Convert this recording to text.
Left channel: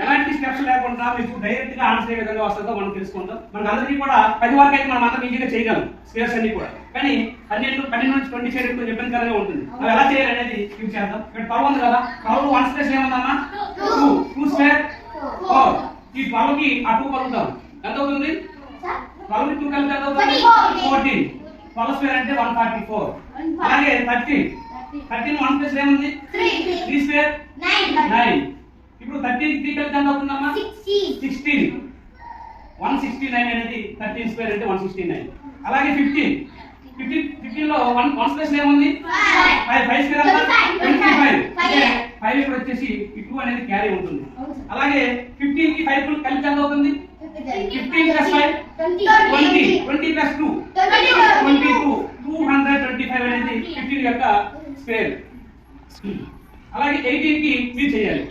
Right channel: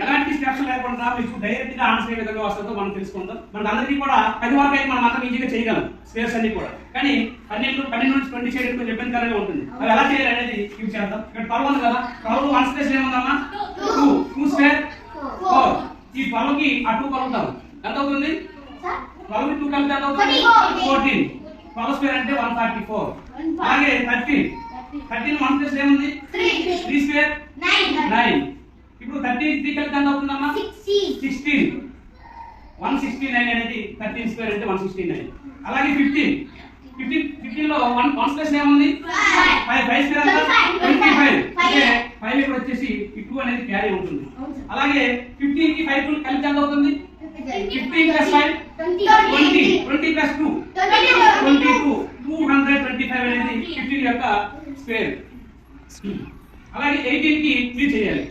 ఎలాంటి స్టెప్స్ లేకుండా మీకు డైరెక్ట్ గా ఆన్సర్ ఏ విధంగా వస్తుందో మనం తెలుసుకుందాం. మనకు అందరికీ కూడా 10 వరకు అయితే మనం అంతా ఈజీగా చేయగలం స్క్వేర్స్ అన్ని కూడా. కానీ 12 నుంచి 20 చేయడం కొంచెం ఇబ్బందికరంగా ఉంటుంది. అది ఎలా చేయాలి అనేది ఇప్పుడు చేద్దాం. ఇక్కడ 12 ఉంది కదా, 12 1 స్పేస్ ఏముందమ్మా 2 స్క్వేర్ 4. ఈ 12 కి ఆ 2 కలుపుతాం. ఎంత అవుతుంది? 12 కి 2 కలిపితే ఎంత అవుతుంది? 14. 12 స్క్వేర్ అంటే 144. అలాగే 13 1 స్పేస్ ఏముంది? 3 స్క్వేర్ 9. ఇప్పుడు 13 3 కలిపితే ఎంత అవుతుందమ్మా? 16. 169 అనేది 13 స్క్వేర్ అంటే 169. అలాగే 15 లో 1 స్పేస్ ఏముంది? 5 స్క్వేర్ అంటే 25. అంటే 5 ఇక్కడ వచ్చేసి ఈ 2 అనేది క్యారీ ఉంటుంది. అలాగే 15 కి 5 కలిపితే ఎంత అవుతుంది? 15 ప్లస్ 5 20. 20 ప్లస్ 2 22. 225 అనేది 15 యొక్క స్క్వేర్. అలాగే 18 కి 3 చేయాలి.